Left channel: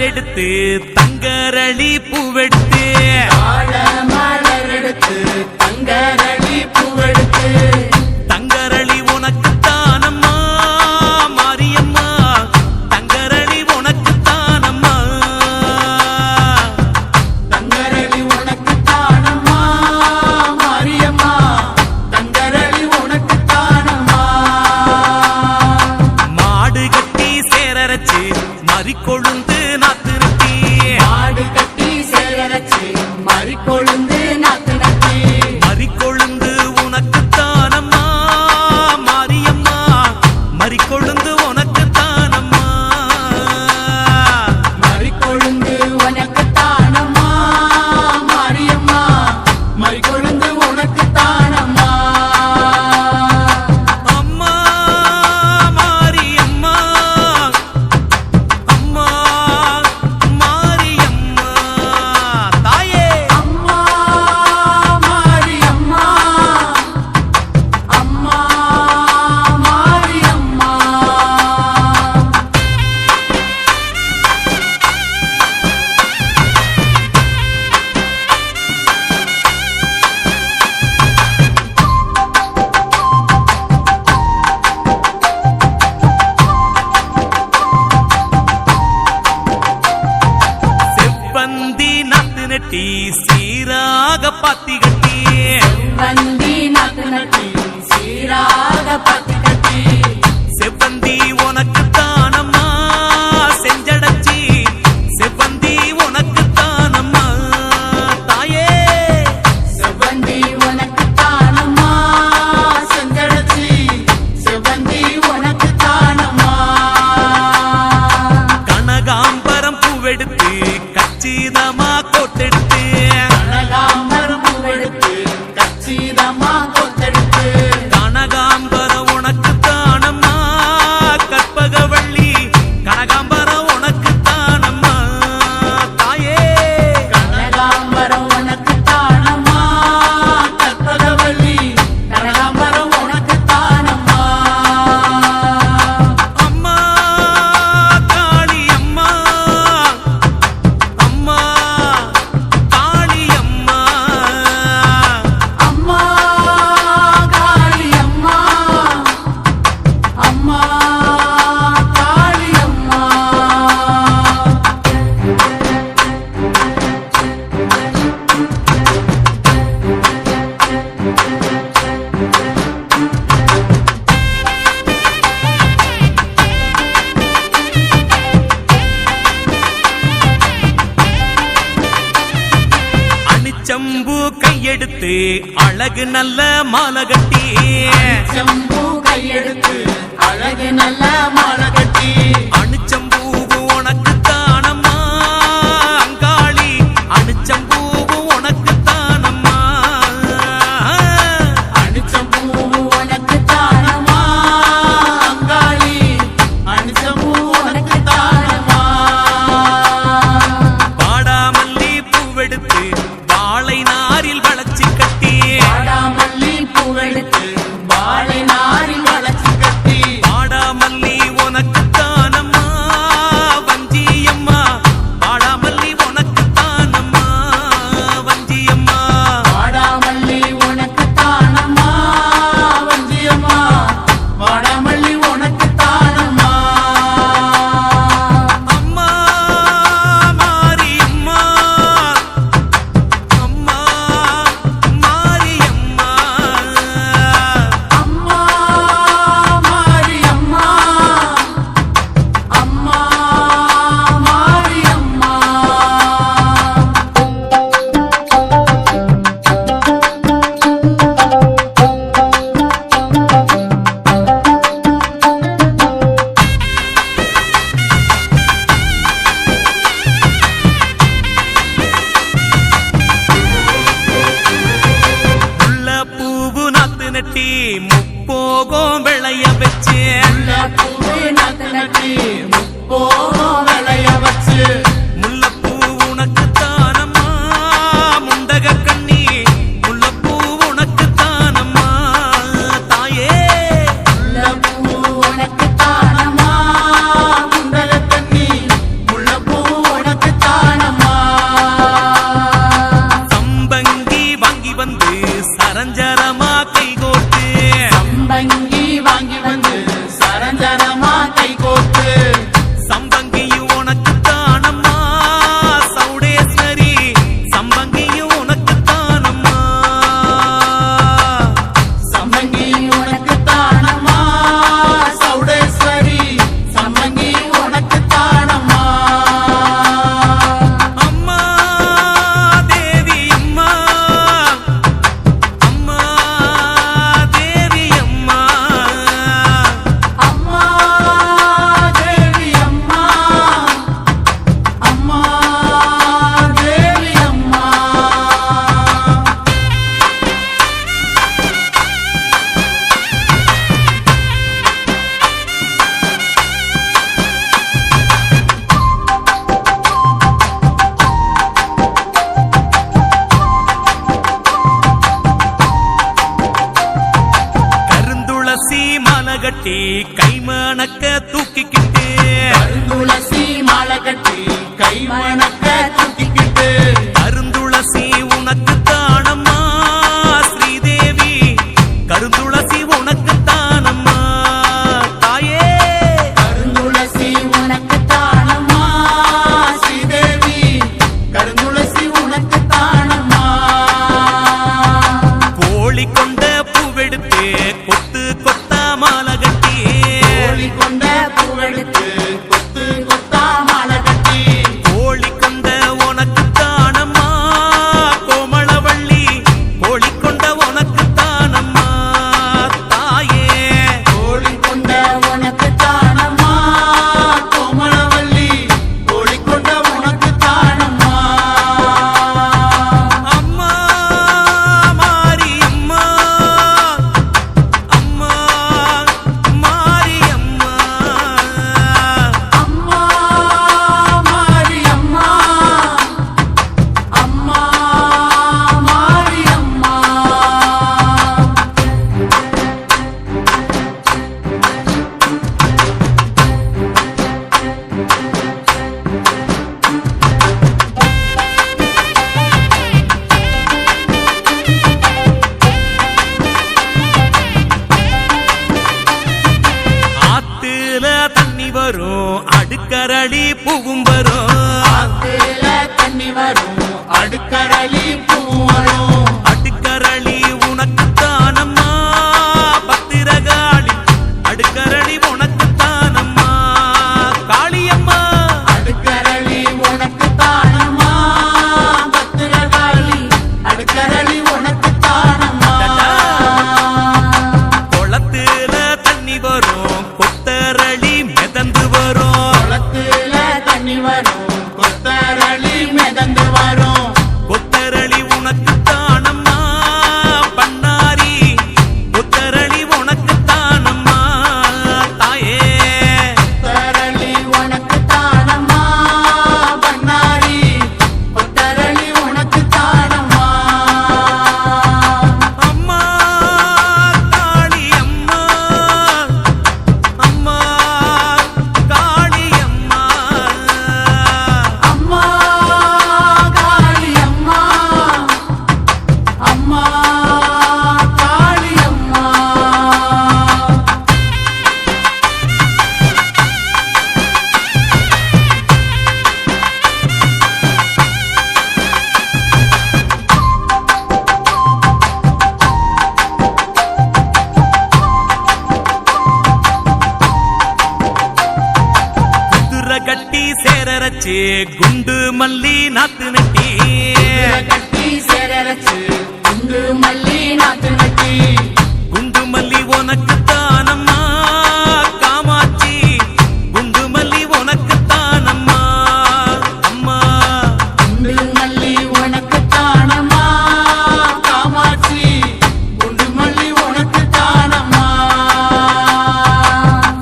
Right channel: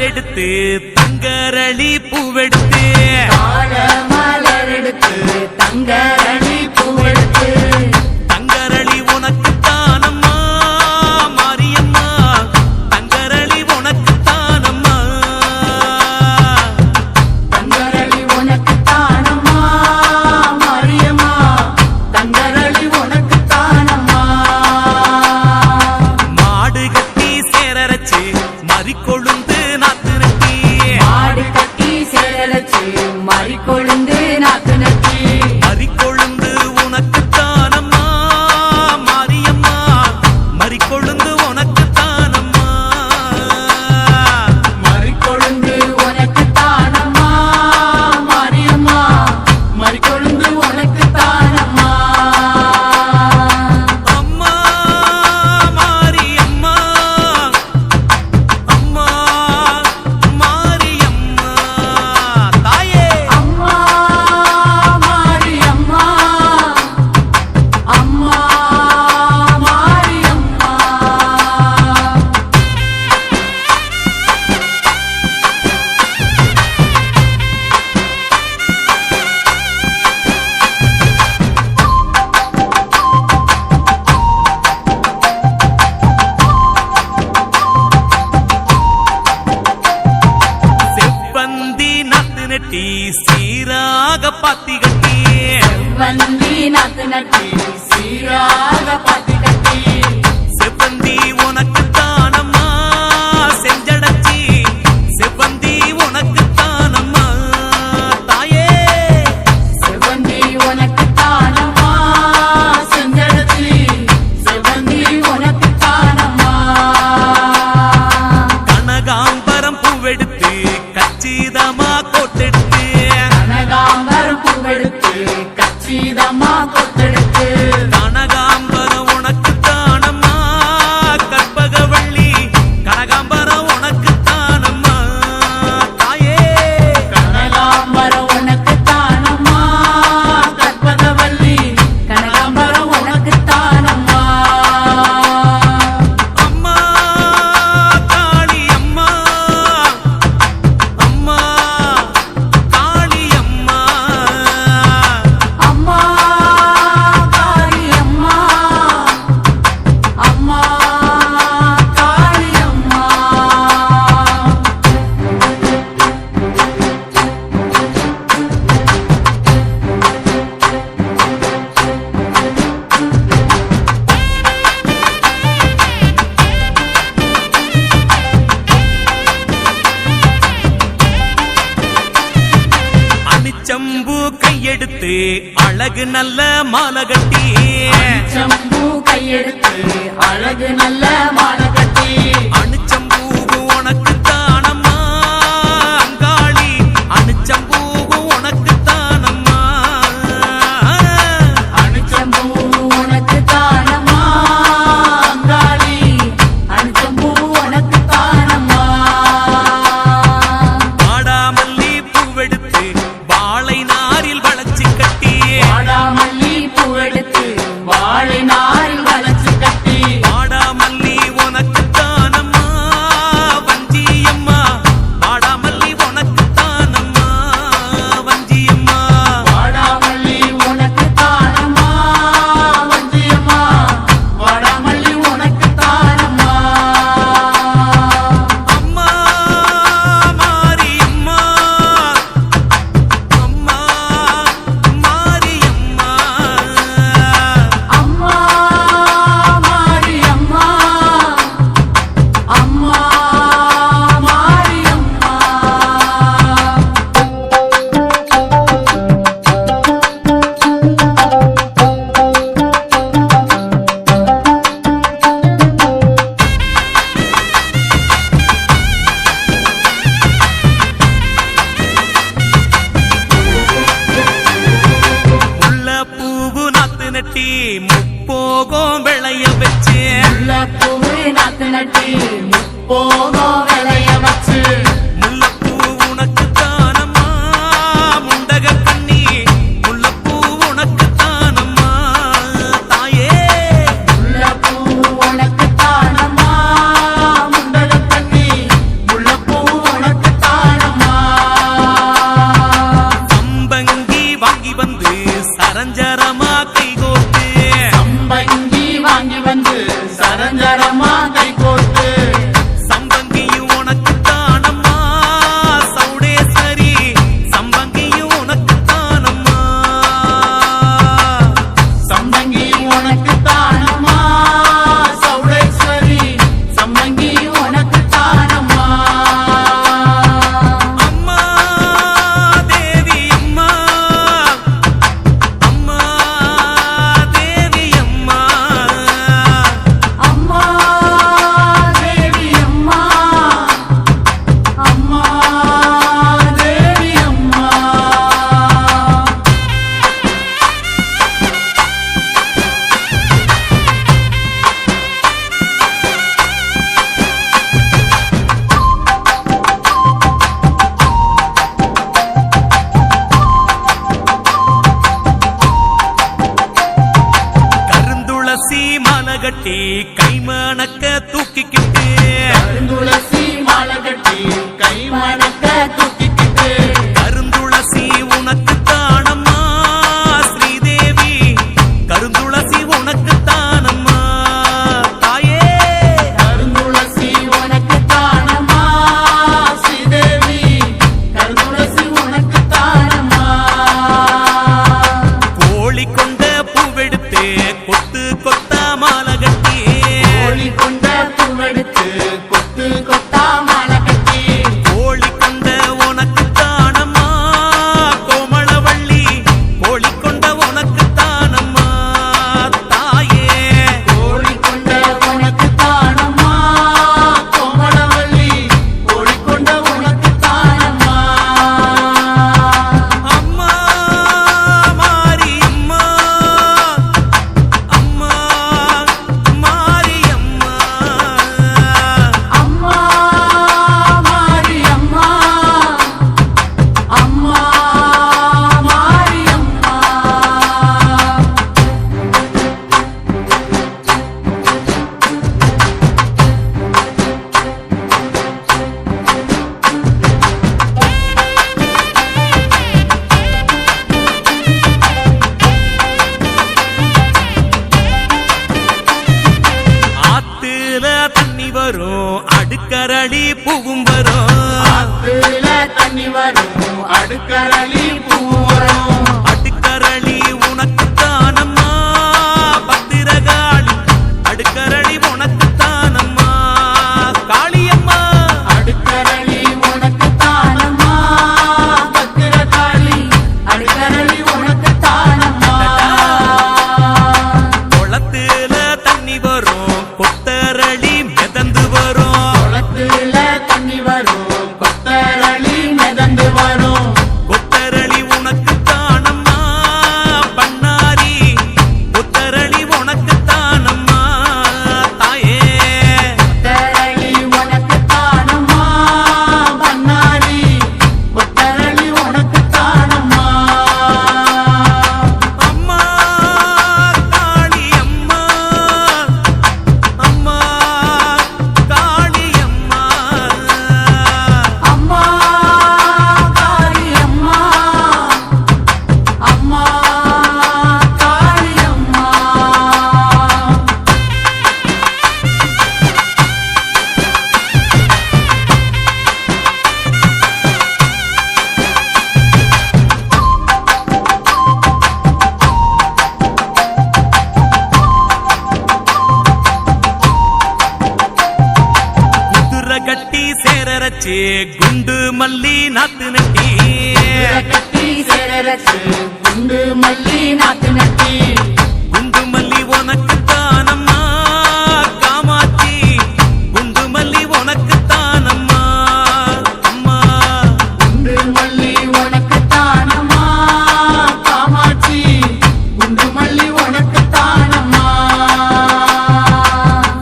மலர் எடுத்து தங்கரளி பூவெடுத்து தங்கரளி உனக்கு தானம்மா மாரியம்மா தங்கரளி உனக்கு தானம்மா தங்கரளி உனக்கு தானம்மா மாரியம்மா தங்கரளி உனக்கு தானம்மா மாடு கட்டி சேரரச்சு மறிக்கொழுந்து நாத்து நட்டி மாடு கட்டி சேரரச்சு மறிக்கொழுந்து நாத்து நட்டி மறிக்கொழுந்து உனக்கு தானம்மா மாரியம்மா மறிக்கொழுந்து உனக்கு தானம்மா மறிக்கொழுந்து உனக்கு தானம்மா மாரியம்மா மறிக்கொழுந்து உனக்கு தானம்மா அம்மா மாரியம்மா அம்மா மாரியம்மா தாயே அம்மா மாரியம்மா அம்மா மாரியம்மா செவ்வந்தி நாத்து நட்டி சீராக பாத்தி கட்டி வந்தி நாத்து நட்டி சீராக பாத்தி கட்டி செவ்வந்தி உனக்கு தானம்மா செஞ்சடச்சி செவ்வந்தி உனக்கு தானம்மா தாயே செவ்வந்தி உனக்கு தானம்மா செஞ்சடச்சி செவ்வந்தி உனக்கு தானம்மா கனகாம்பரம் பூவெடுத்து கச்சிதமா கோட்டெடுத்து கனகாம்பரம் பூவெடுத்து கச்சிதமா கொத்தெடுத்து கனகாம்பரம் உனக்கு தானம்மா கற்பகவள்ளி கனகாம்பரம் உனக்கு தானம்மா தாயே கனகாம்பரம் உனக்கு தானம்மா கற்பகவல்லி கனகாம்பரம் உனக்கு தானம்மா அம்மா காளி அம்மா அம்மா காளி அம்மா அம்மா காளி அம்மா அம்மா காளி அம்மா அணிச்சம்பு கையெடுத்து அழகு நல்ல மாலை கட்டி செம்பூ கையெடுத்து அழகு நல்ல மாலை கட்டி அணிச்சம்பூ உனக்கு தானம்மா அங்காளி அணிச்சம்பூ உனக்கு தானம்மா அணிச்சம்பூ உனக்கு தானம்மா அங்காளி அணிச்சம்பூ உனக்கு தானம்மா பாடாமல்லி பூவெடுத்து வாழை நாரில் வளைச்சு கட்டி வாடாமல்லி பூவெடுத்து வாழை நாரில் வளைச்சு கட்டி வாடாமல்லி உனக்கு தானம்மா வஞ்சியம்மா வாடாமல்லி உனக்கு தானம்மா வஞ்சியம்மா வாடாமல்லி உனக்கு தானம்மா வஞ்சியம்மா வாடாமல்லி உனக்கு தானம்மா அம்மா மாரியம்மா அம்மா மாரியம்மா அம்மா மாரியம்மா அம்மா மாரியம்மா முல்லை பூவு நாத்து நட்டி முப்போகம் விளைய வச்சு பூவே நாத்து நட்டி போகும் விளைய வச்சு முல்லைப்பூ உனக்கு தானம்மா முண்டக கண்ணி முல்லைப்பூ உனக்கு தானம்மா தாயே முல்லைப்பூ உனக்கு தானம்மா முண்டக கண்ணி முல்லைப்பூ கட்டி கைமணக்க தூக்கிக்கிட்டு கருந்துளசி மாலை கட்டி கை வணக்க தூக்கிக்கிட்டு கருந்துளசி உனக்கு தானம்மா ஸ்ரீதேவி கருந்துளசி உனக்கு தானம்மா தாயே கருந்துளசி உனக்கு தானம்மா ஸ்ரீதேவி கருந்துளசி உனக்கு தானம்மா கோழி கொண்ட பூவெடுத்து கொத்து கொத்தா மாலை கட்டி கோழி கொண்ட பூவெடுத்து கொத்து கொத்தா மாலை கட்டி கோழி கொண்ட உனக்கு தானம்மா கோமளவள்ளி கோழி கொண்ட உனக்கு தானம்மா தாயே கோழி கொண்ட உனக்கு தானம்மா கோமளவள்ளி கோழி கொண்ட உனக்கு தானம்மா அம்மா மாரியம்மா அம்மா மாரியம்மா அம்மா மாரியம்மா அம்மா மாரியம்மா ஆத்துல தண்ணி வரும் அடுக்கரளி பூவும் வரும் கீழ தண்ணி வரும் அடுக்கரளி பூ வரும் அடுக்கரளி உனக்கு தானம்மா பத்திரகாளி அடுக்கரளி உனக்கு தானம்மா காளியம்மா அடுக்கரளி உனக்கு தானம்மா பத்திரகாளி அடுக்கரளி உனக்கு தானம்மா குளத்துல தண்ணி வரும் கொத்தரளி மிதந்து வரும் குளத்துல தண்ணி வரும் கொத்தரளி மிதந்து வரும் கொத்தரளி உனக்கு தானம்மா பண்ணாரி கொத்தரளி உனக்கு தானம்மா தாயே கொத்தரளி உனக்கு தானம்மா பண்ணாரி கொத்தரளி உனக்கு தானம்மா அம்மா காளி அம்மா அம்மா காளி அம்மா அம்மா காளி அம்மா அம்மா காளி அம்மா குதிரை கட்டி சேரரச்சு குண்டு மல்லி நாத்து நட்டி கட்டி சேரரச்சு குண்டு மல்லி நாத்து நட்டி குண்டு மல்லி உனக்கு தானம்மா காமாட்சி குண்டு மல்லி உனக்கு தானம்மா அம்மா குண்டு மல்லி உனக்கு தானம்மா காமாட்சி குண்டு மல்லி உனக்கு தானம்மா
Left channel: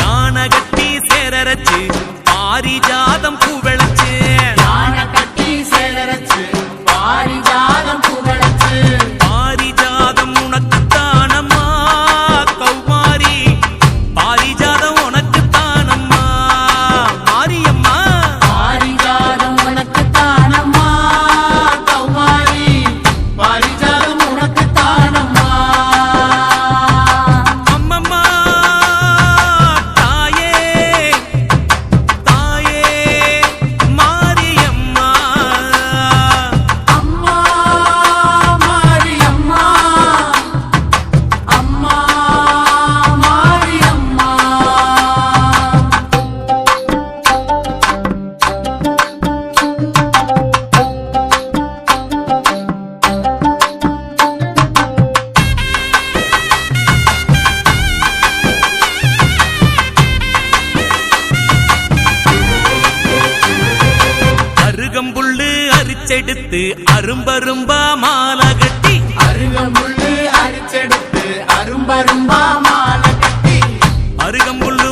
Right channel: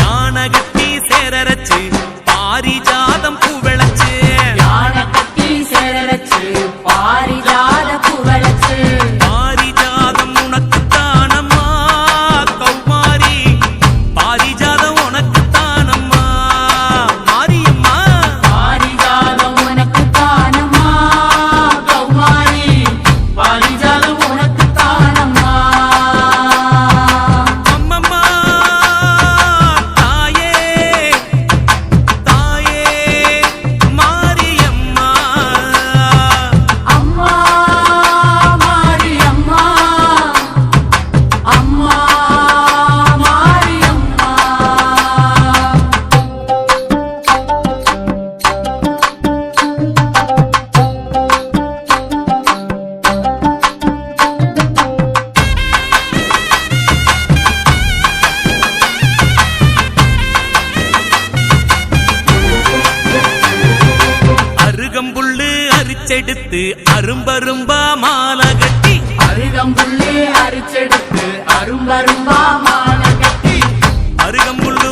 யானை கட்டி சேரரச்சு பாரிஜாதம் பூ விளைச்சு யானை கட்டி சேரரச்சு பாரிஜாத புகழச்சு பாரிஜாதம் உனக்கு தானம்மா கௌமாரி பாரிஜாதம் உனக்கு தானம்மா மாரியம்மா பாரிஜாதம் உனக்கு தானம்மா கௌமாரி பாரிஜாதம் உனக்கு தானம்மா அம்மம்மா தாயே தாயே மாரியம்மா அம்மா மாரியம்மா அம்மா மாரியம்மா அருகம்புல்லு அரிச்செடுத்து அரும்பரும்பா மாலை கட்டி அருகம்புல்லு அரிச்செடுத்து அரும்பரும்பா மாலை கட்டி அருகம்புல்லு